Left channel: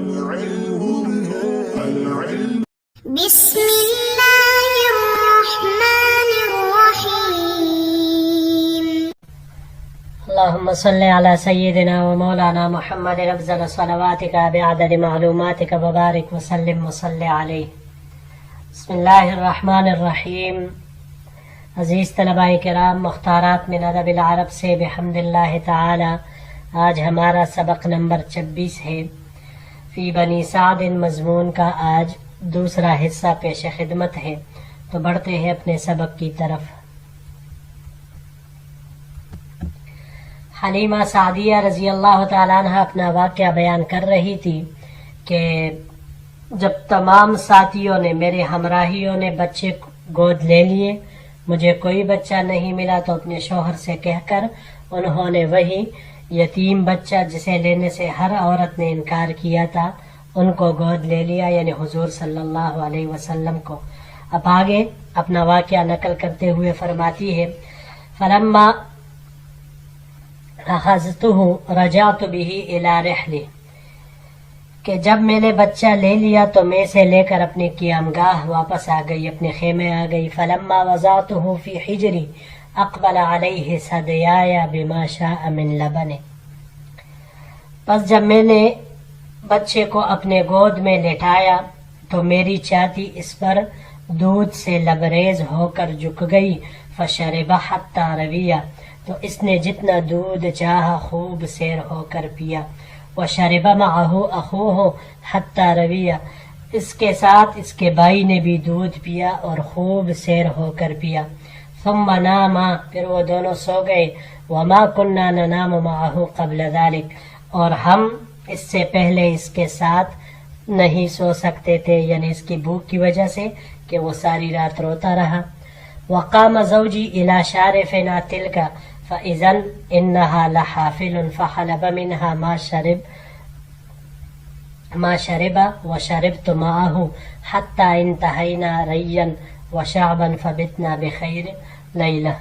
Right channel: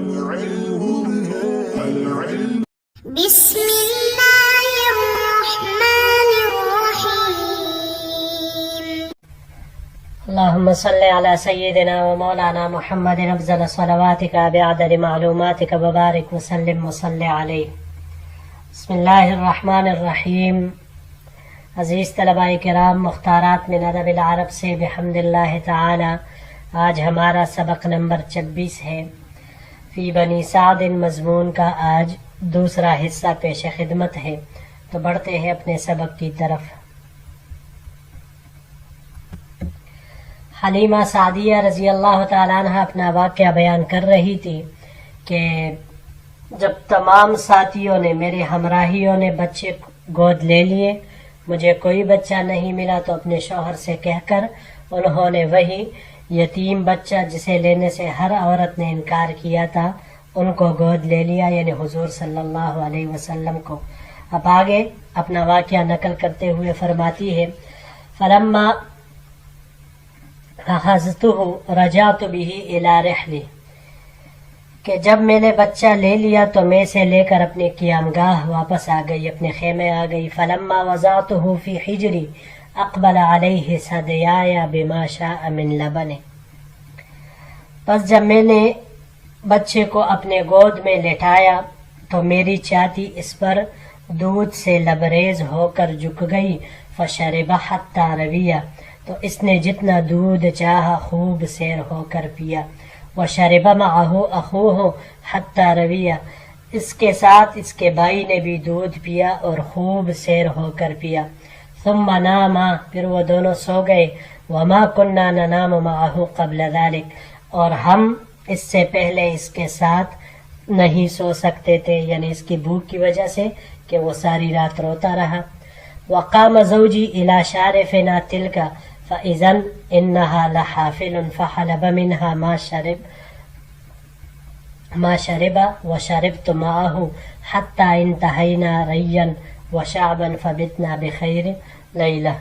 بسم الله الرحمن الرحيم. اللهم صل على سيدنا ومولانا محمد افضل صلواتك بعدد معلوماتك وبارك وسلم وصل عليه. بسم اللہ الرحمن الرحیم. عزیز طلباء کرام، مختارات من ادب العرب سے بحمد اللہ تعالی آج ہمارا سبق نمبر 26 ہے. فی بنی سعد مضمون کا آج دوسرا حصہ پیش خدمت ہے. تو بڑھتے ہیں اپنے سبق کی طرف. حلیمہ سعدیہ رضی اللہ تعالیٰ عنہ اپنا واقعہ بیان کر رہی تھی کہ جب تمام ساتھیوں نے، میرے ہمراہیوں نے بچے گود لے لیے، مجھے کوئی بچہ نہیں ملا، تو اپنے شوہر سے کہہ کر انہوں نے وہی یتیم بچہ جسے لینے سے ہر عورت نے انکار کیا تھا ان کو گود لے لیا، یعنی حضور صلی اللہ علیہ وسلم کو. اب آگے اپنا واقعہ نقل کرتے ہوئے فرماتی ہے فلما اخذته رجعت به الى رحلی، کہ جب میں نے بچہ لے لیا تو میں سے لے کر اپنے قیامگاہ واپس آ گئی، اپنے خیمے آ گئی. فلما وضعته في حجری اقبل علیہ ثدیای بما شاء من لبن، پس جب میں نے بچے کو اپنے گود میں لٹایا تو میری چاتی اس پر دودھ سے لبریز ہو کر جھک گئی. فشرب حتی رویہ، تو اس نے جتنا دودھ چاہا خوب سیر ہو کر پیا. وشرب معه اخوه حتی رویہ، اس کے ساتھ اس کے بھائی نے بھی دودھ پیا اور خوب سیر ہو کر پیا. ثم ناما، پھر وہ دونوں سو گئے. وما كنا ننام معه قبل ذلك، اور ہم اس سے پہلے اس کے ساتھ نہیں سو سکتے تھے، یعنی اس کی بھوک کی وجہ سے کہ وہ ساری رات روتا رہا. وقام زوجی الى شارفنا تلك فاذا انها لحافل فحلب منها ما شرب وشربت معه حتى انتهينا ريا وشعبا فبتنا بخير لیلہ.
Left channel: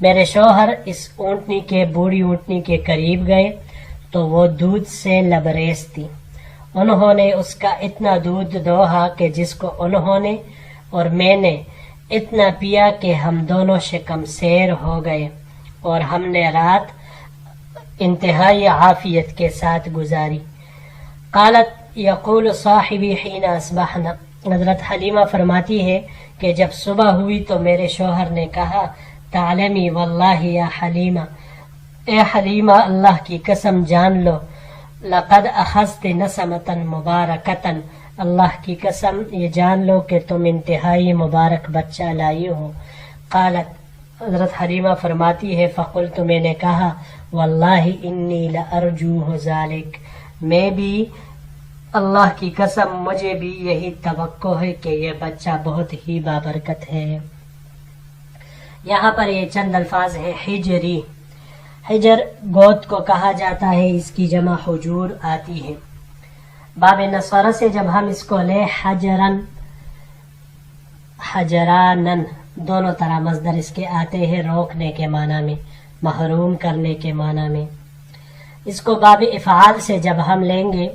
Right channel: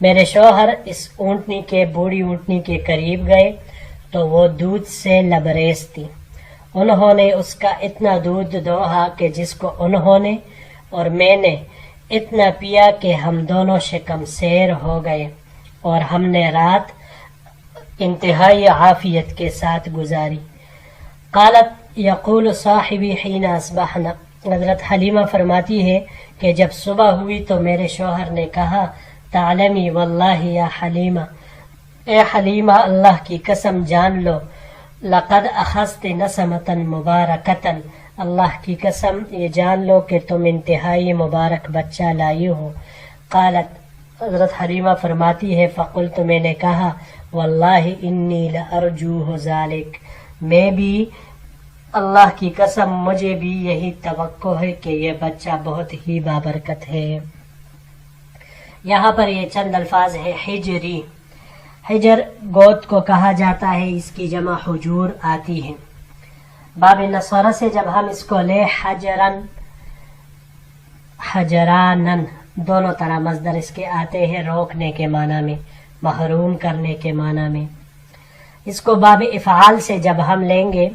میرے شوہر اس اونٹنی کے، بوڑھی اونٹنی کے قریب گئے تو وہ دودھ سے لبریز تھی. انہوں نے اس کا اتنا دودھ دوہا کہ جس کو انہوں نے اور میں نے اتنا پیا کہ ہم دونوں شکم سیر ہو گئے، اور ہم نے رات انتہائی عافیت کے ساتھ گزاری. قالت یقول صاحبی حین اصبحنا، حضرت حلیمہ فرماتی ہے کہ جب صبح ہوئی تو میرے شوہر نے کہا تعلمی واللہ یا حلیمہ، اے حلیمہ اللہ کی قسم جان لو، لقد اخذت نسمتا مبارکتا، اللہ کی قسم یہ جان لو کہ تم انتہائی مبارک بچہ لائی ہو. قالت، حضرت حلیمہ فرماتی ہے فقلت، میں نے کہا واللہ انی لارجوہ ذالک، میں بھی اللہ کی قسم مجھے بھی یہی توقع ہے کہ یہ بچہ بہت ہی بابرکت ہے. یہاں پر یہ چند الفاظ ہے حجری. حجر گود کو کہا جاتا ہے، اس کی جمع حجور آتی ہے. باب نصارہ سے جب ہم اس کو لے حجرن حجرانن، دونوں طرح مصدر اس کے آتے ہیں، روکنے کے معنی میں، محروم کرنے کے معنی میں. اس کو باب افعال سے جب ہم لیں گے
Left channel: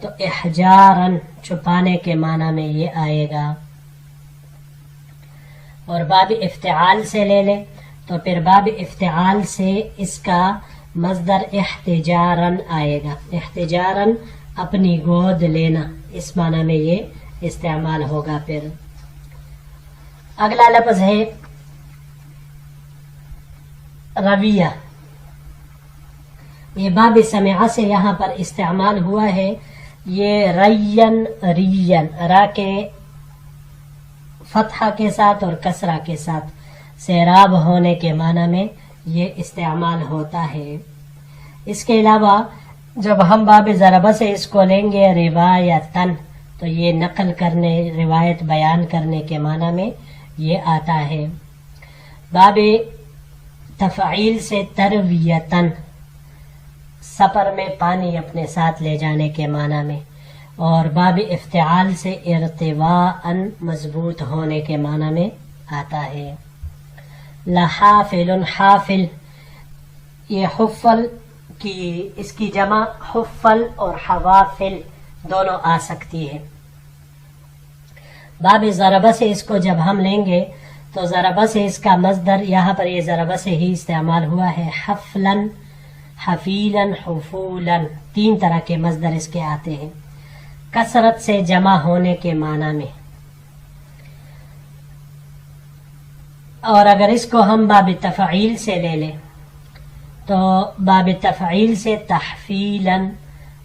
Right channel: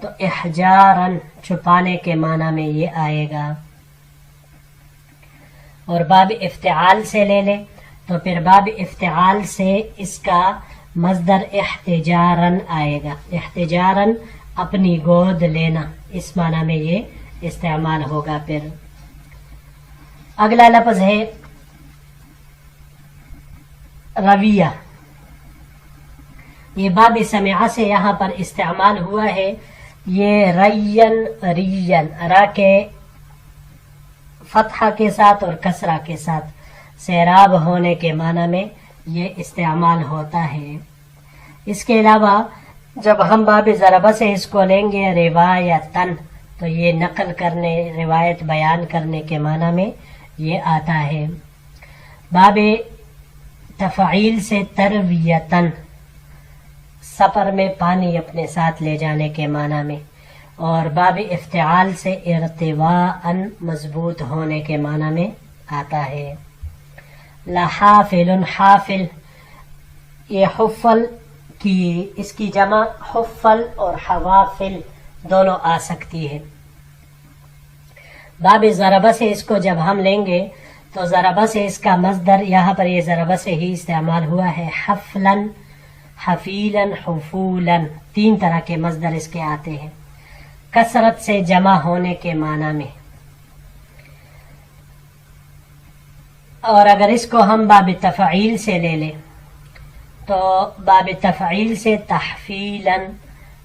تو احجارن، چھپانے کے معنی میں یہ آئے گا. اور باب افتعال سے لے لیں تو پھر باب افتعال سے اس کا مصدر احتجارن آئے گا. احتجارن اپنی گود لینا، اس معنی میں یہ استعمال ہوگا. پھر اگلا لفظ ہے رویہ. یہ باب سمعہ سے یہاں پر استعمال ہوا ہے. یہ ریین ریین، را کے فتحہ کے ساتھ اور کسرہ کے ساتھ سیراب ہونے کے معنی میں یہ استعمال ہوتا ہے. اس کے علاوہ جب ہم باب ضربہ سے اس کو لیں گے روایتاً تو یہ نقل کرنے، روایت بیان کرنے کے معنی میں یہ آتا ہے. باب تفعیل سے ترویتاً، سفر میں پانی اپنے ساتھ لے جانے کے معنی میں. اور باب افتعال سے ارتواءً، مضبوط ہونے کے معنی میں آتا ہے. لحافل، حافل یہ حفل اس کی جمع حفل اور حوافل دونوں آ سکتی ہے. باب ضربہ سے اس کو جب ہم لیں گے تو ضربہ سے اس کا مصدر یہاں پر یہ ضربہ سے ہی استعمال ہوا ہے. حفلاً، حفیلاً، حفولاً، 3 طرح کے مصدر اس کے آتے ہیں کثرت سے جمع ہونے کے معنی میں. اور اگر اس کو ہم باب تفعیل سے لے لیں تو باب تفعیل سے تحفیلاً،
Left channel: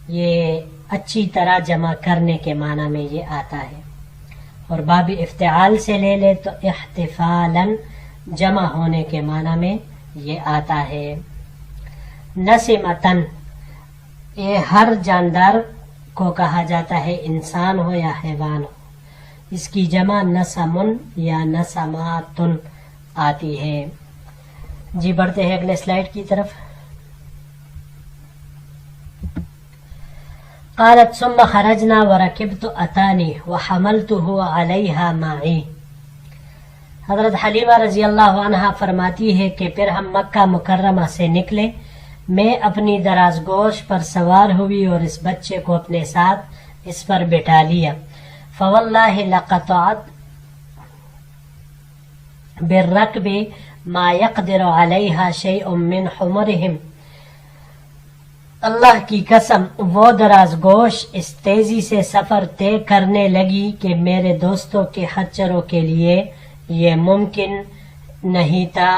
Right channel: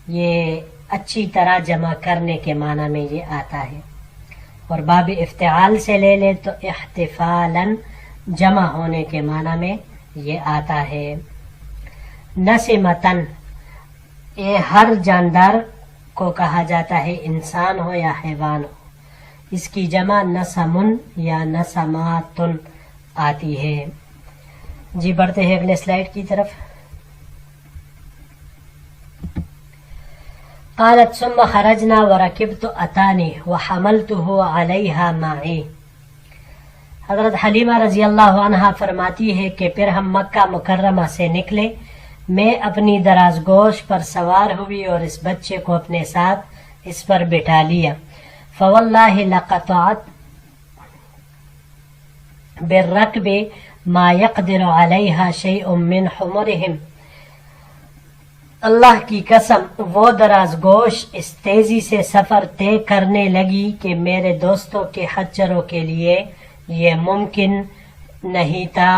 یہ اچھی طرح جمع کرنے کے معنی میں یہ آتا ہے. اور باب افتعال سے لے لے تو احتفالاً، جمع ہونے کے معنی میں یہ آتا ہے. نسمتاً، یہ ہر جاندار کو کہا جاتا ہے، انسان ہو یا حیوان ہو. اس کی جمع نسمن یا نسماتن آتی ہے. جی بڑھتے ہیں اگلے سلائیڈ کی طرف. قالت ثم خرجنا وركبت اتانی وحملته علیہا معی. حضرت حلیمہ رضی اللہ عنہا فرماتی ہے کہ پھر ہم مکہ مکرمہ سے نکلے، میں اپنی دراز گوش پر سوار ہوئی اور اس بچے کو اپنے ساتھ اس پر بٹھا لیا. فواللہ لقطعت بالركب ما يقدر عليها شيء من حمرهم. اللہ کی قسم وہ دراز گوش اس تیزی سے سفر طے کرنے لگی کہ میرے دوستوں کے خچروں کے لیے یہ ممکن نہیں تھا.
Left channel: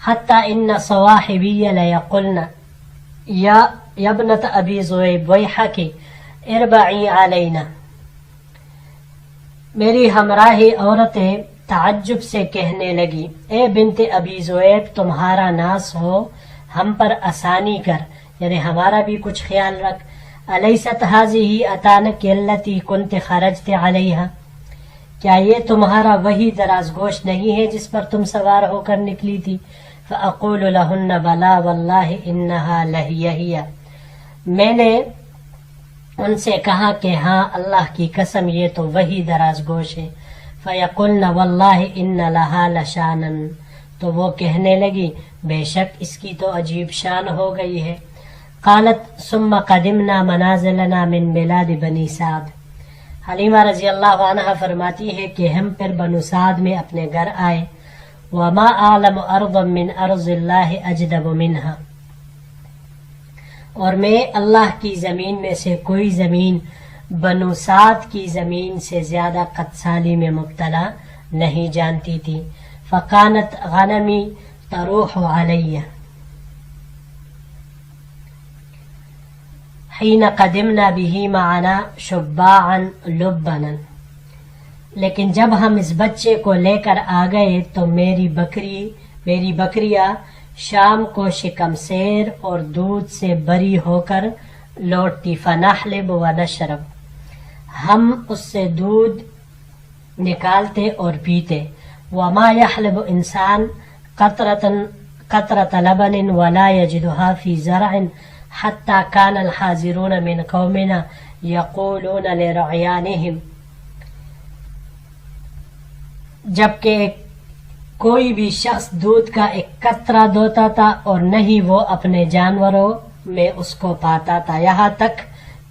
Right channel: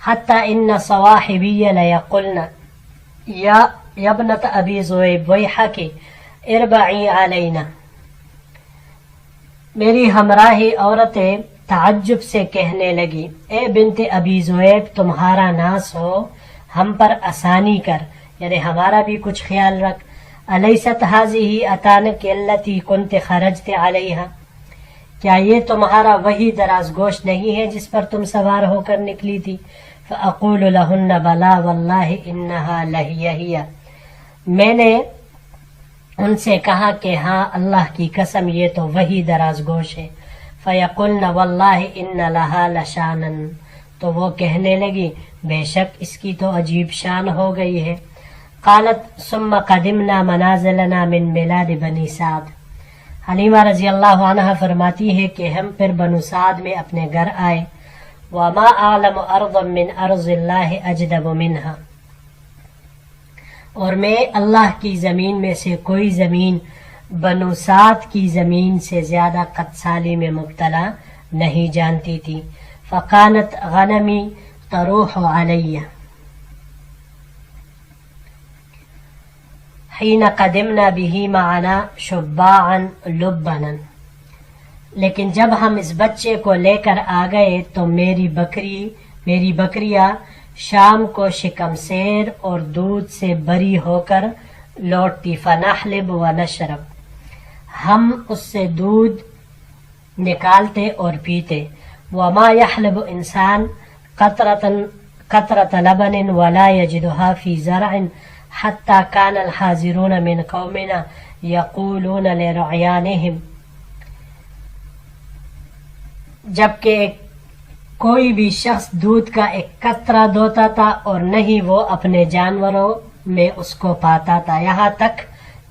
حتی ان صواحبی لیقلن یا ابنت ابی ذؤیب ویحک اربعی علینا. میری ہمراہی عورتیں تعجب سے کہنے لگی، اے بنت ابی ذؤیب، تمہارا ناز ہو، ہم پر آسانی کر، یعنی ہمارا بھی کچھ خیال رکھ. الیست هذه اتانک التی کنت خرجت علیہا، کیا یہ تمہارا وہی دراز گوش نہیں ہے جس پر تم سوار ہو کر نکلی تھی؟ فاقول لہن بلا واللہ انہا لہی. میں نے ان سے کہا کہ ہاں اللہ کی قسم یہ تو وہی دراز گوش ہے. فیقلن واللہ ان لہا لشانا، تو وہ کہنے لگی بے شک اس کی تو عجیب شان ہو گئی ہے. قالت ثم قدمنا منازلنا من بلاد بنی سعد. حلیمہ رضی اللہ عنہ فرماتی ہے کہ ہم پھر بنو سعد میں اپنے گھر آئے. وما اعلم ارضا من ارض اللہ اجدب منها، اور میں اللہ کی زمین میں سے کوئی زمین بنو سعد کی زمین سے زیادہ قدسالی میں مبتلا نہیں جانتی تھی. فکانت غنمی تروح علیہ حین قدمنا به معنا شباعا لبنا. لیکن جب ہم اس بچے کو لے کر آ گئے تو میری بکریاں شام کو شکم سیر اور دودھ سے بری ہو کر لوٹتی. فنحلب ونشرب، ہم اس سے دودھ نکالتے اور پیتے. وما يحلب انسان قطرة لبن ولا يجدها في زرع حتى كان الحاضرون من قومنا يقولون لرعيانهم. جبکہ کوئی بھی شخص دودھ کا ایک قطرہ دھوتا تھا اور نہیں وہ اپنے جانوروں میں اس کو پاتا تھا، یہاں تک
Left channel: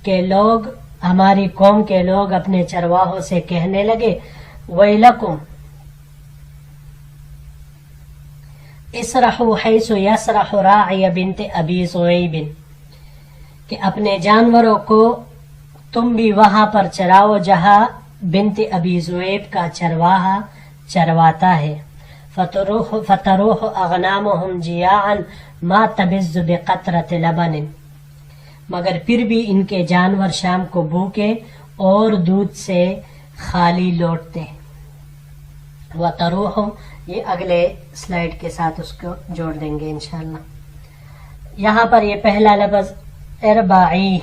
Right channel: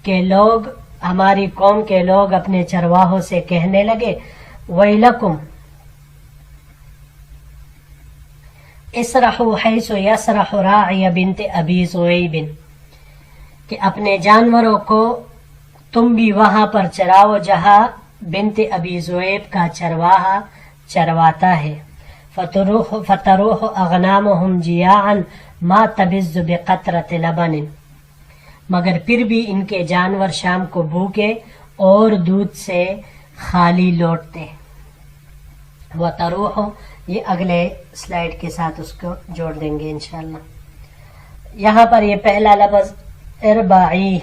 کہ لوگ، ہماری قوم کے لوگ اپنے چرواہوں سے کہنے لگے ویلکم اسرحوا حیث یسرح راعی بنت ابی ذؤیب، کہ اپنے جانوروں کو تم بھی وہاں پر چراؤ جہاں بنت ابی ذؤیب کا چرواہا چرواتا ہے. فتروح اغنامهم جیاعا ما تبز بقطرة لبن، مگر پھر بھی ان کے جانور شام کو بھوکے اور دودھ سے خالی لوٹتے. وتروح، یہ اگلے سلائیڈ کے ساتھ اس کو جوڑ دیں گے انشاءاللہ. یہاں پر یہ پہلا لفظ اربعی،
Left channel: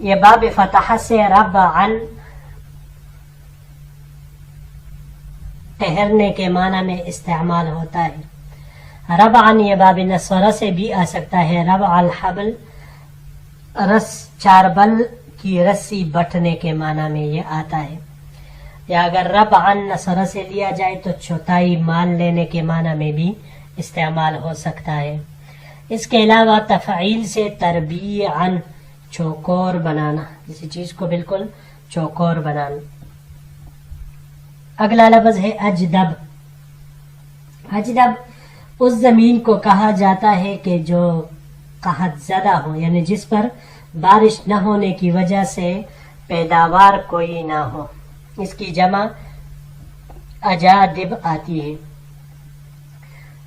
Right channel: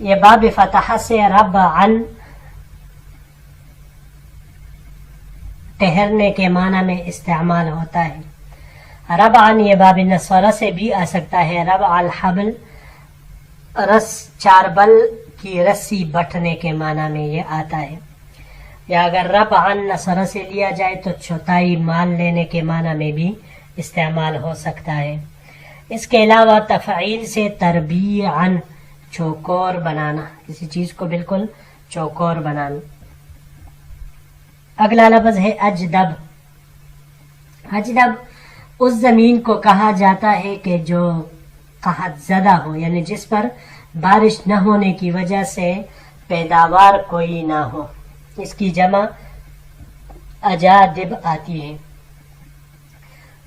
یہ باب فتح سے ربعن ٹہرنے کے معنی میں استعمال ہوتا ہے. ربعن یہ باب نصرہ سے بھی آ سکتا ہے. ربع الحبل، رس چاربل کی رسی بٹنے کے معنی میں یہ آتا ہے. یا اگر ربعن نصرہ سے لیا جائے تو چوتھائی مان لینے کے معنی میں بھی استعمال ہو سکتا ہے. اس کے علاوہ تفعیل سے تربیعاً چوکور بنانا، کسی چیز کو بالکل چوکور بنانا. اگلا لفظ ہے اجدب. اجدب اس زمین کو کہا جاتا ہے کہ جو قحط زدہ ہو، یعنی جس پر بارش نہ ہونے کی وجہ سے پیداوار کوئی نہ ہو. اس کی جمع اجادب آتی ہے.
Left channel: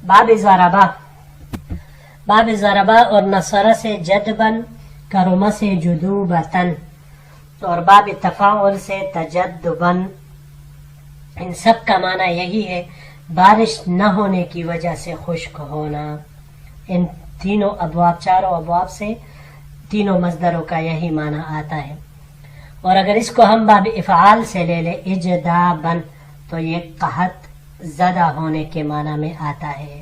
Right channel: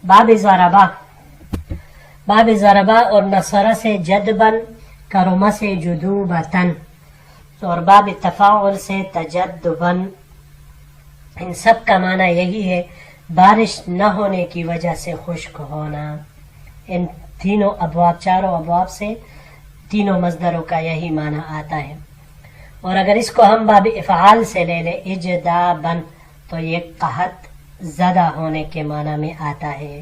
باب ضربہ، باب ضربہ اور نصرہ سے جدبن، کرمہ سے جدوبتن، اور باب تفاعل سے تجدبن. ان سب کا معنی یہی ہے بارش نہ ہونے کی وجہ سے خشک ہونا. ان تینوں ابواب، چاروں ابواب سے تینوں مصدروں کا یہی معنی آتا ہے. اور اگر اس کو ہم باب افعال سے لے لیں اجدابن تو یہ قحط زدہ ہونے کے معنی میں آتا ہے.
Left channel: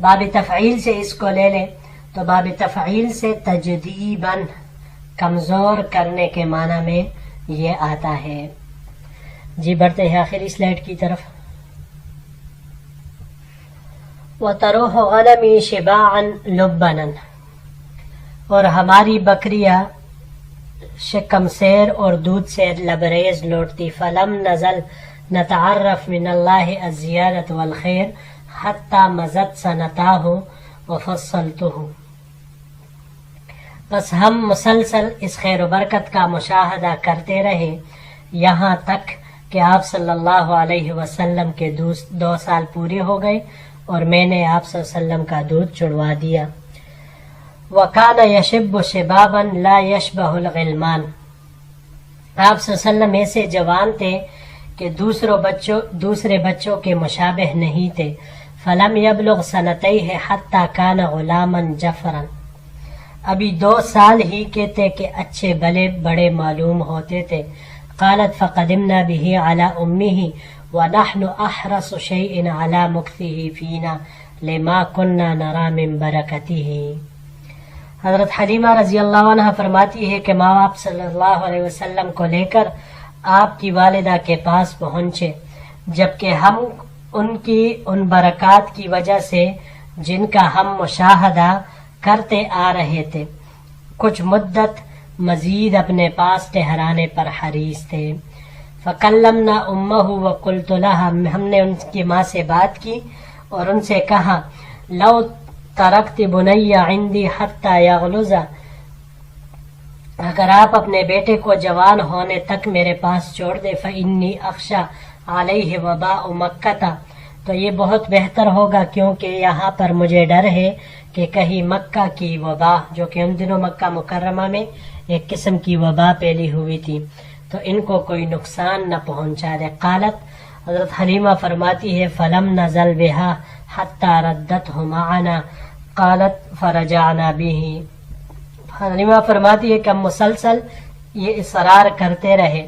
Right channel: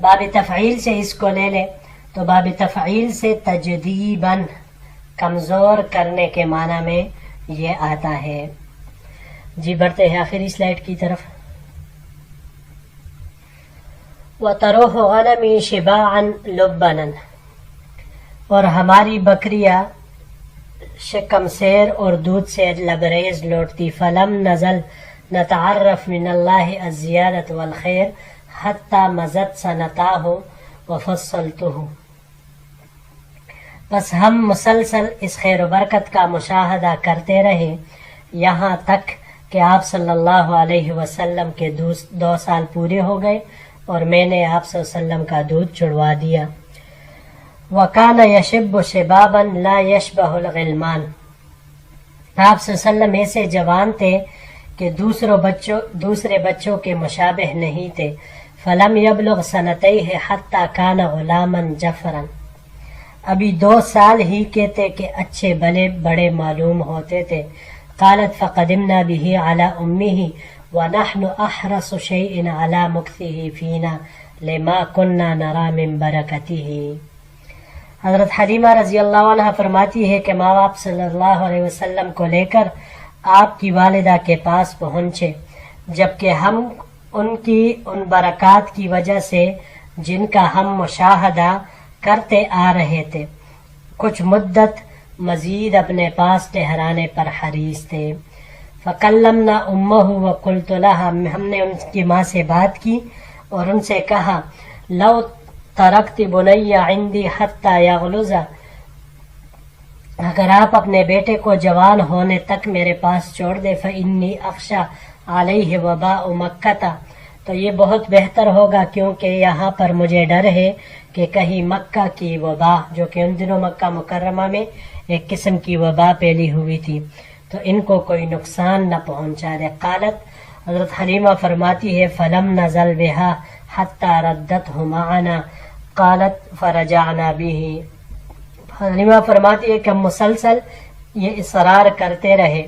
باب تفعیل سے اس کو لے لیں تو باب تفعیل سے تجدیباً، کمزور کرنے کے معنی میں یہ آتا ہے. جی بڑھتے ہیں آخری سلائڈ کی طرف. وَتَرُوحُ غَنَمِي شِبَاعًا لُبَّنًا، اور ہماری بکریاں شکم سیر اور دودھ سے لبریز لوٹتی. فلم نزل نتعرف من اللہ الزیادت والخیر حتی مزد سنتاہ وفصلتہ. بس ہم مسلسل اس خیر و برکت کا مشاہدہ کرتے رہے یہاں تک کہ آپ صلی اللہ علیہ وسلم کے 2 سال پورے ہو گئے اور میں نے آپ صلی اللہ علیہ وسلم کا دودھ چھڑوا دیا. وَكَانَ يَشِبُّ شِبَابًا لَا يَشْبَهُ الْغِلْمَانِ، آپ صلی اللہ علیہ وسلم ایسے جوان تھے کہ دوسرے بچوں کے مشابہ نہیں تھے. فَلَمْ يَبْلُغْ سَنَتَيْهِ حَتَّى كَانَ غُلَامًا جَفْرًا، ابھی 2 سال ہی کے تھے کہ اچھے بلے بڑے معلوم ہوتے تھے. قالت فقدمنا به على أمه ونحن أحرص شيء على مكثه فينا لما كنا نرى من بركته. حضرت حلیمہ رضی اللہ عنہ فرماتی ہے کہ ماں باپ صلی اللہ علیہ وسلم کو لے کر آپ کی والدہ کے پاس پہنچے، جبکہ ہم ان کی ان برکات کی وجہ سے جن کا ہم مشاہدہ کرتے آ رہے تھے کچھ مدت مزید اپنے پاس ٹہرانے پر حریص تھے. فکلمنا امہ وقلت لها، ہم نے ان کی ماں سے بات کی اور ان سے کہا لو ترکت بنی عندی حتی یغلظ، اگر آپ اپنے بیٹے کو جوان ہونے تک میرے پاس چھوڑ دے فانی اخشی علیہ وباء مکہ، تو یہ بہت بہتر ہوگا کیونکہ یہاں پر مجھے ڈر ہے کہ کہیں مکہ کی وبا، جو کہ ان دنوں مکہ مکرمہ میں ایک قسم کی وبا پھیلی ہوئی تھی، تو ان کو کوئی نقصان نہ پہنچا دے. قالت، حضرت حلیمہ فرماتی ہے فلم نزل بها حتی ردته معنا قالت فرجعنا به. حلیمہ فرماتی ہے کہ ہم مسلسل یہ اصرار کرتے رہے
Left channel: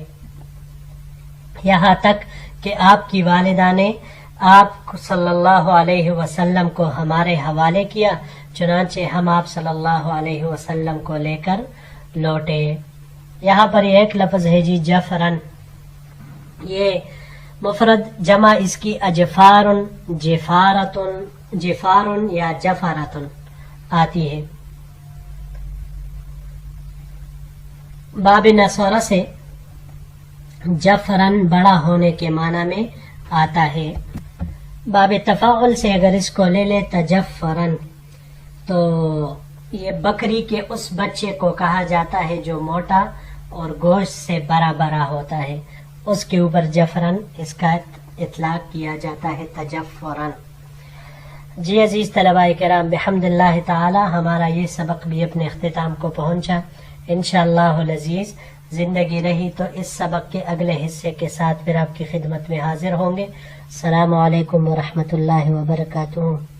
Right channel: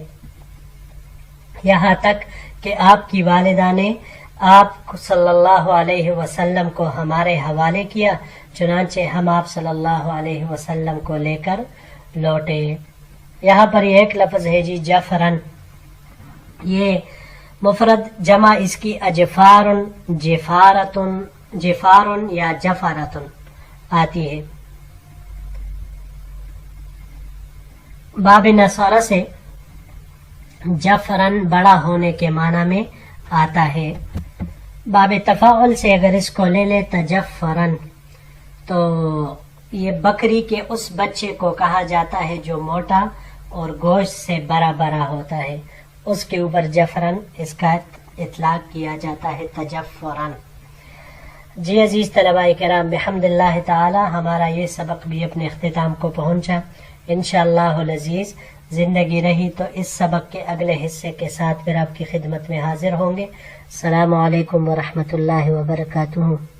یہاں تک کہ آپ کی والدہ نے آپ صلی اللہ علیہ وسلم کو ہمارے حوالے کیا، چنانچہ ہم آپ صلی اللہ علیہ وسلم کو لے کر لوٹے. یہاں پر یہ ایک لفظ ہے جی جفرن، یہ مفرد، جمع اس کی اجفار، جفار یا جفارتن آتی ہے. باب نصرہ سے جفرن بڑا ہونے کے معنی میں آتا ہے. باب تفاعل سے اگر اس کو لے لے تجفرن تو یہ بکری کے اس بچے کو کہا جاتا ہے جو موٹا اور گوشت سے بڑا بڑا ہوتا ہے، اس کے اوپر جفرن اس کا اطلاق کیا جاتا ہے تجفرن. جی عزیز طلباء کرام، بحمد اللہ تعالی ہمارا یہ سبق بھی اپنے اختتام کو پہنچا. انشاءاللہ العزیز زندگی رہی تو اس سبق کے اگلے حصے کے ساتھ پھر آپ کی خدمت میں حاضر ہوں گے. السلام علیکم ورحمۃ اللہ وبرکاتہ.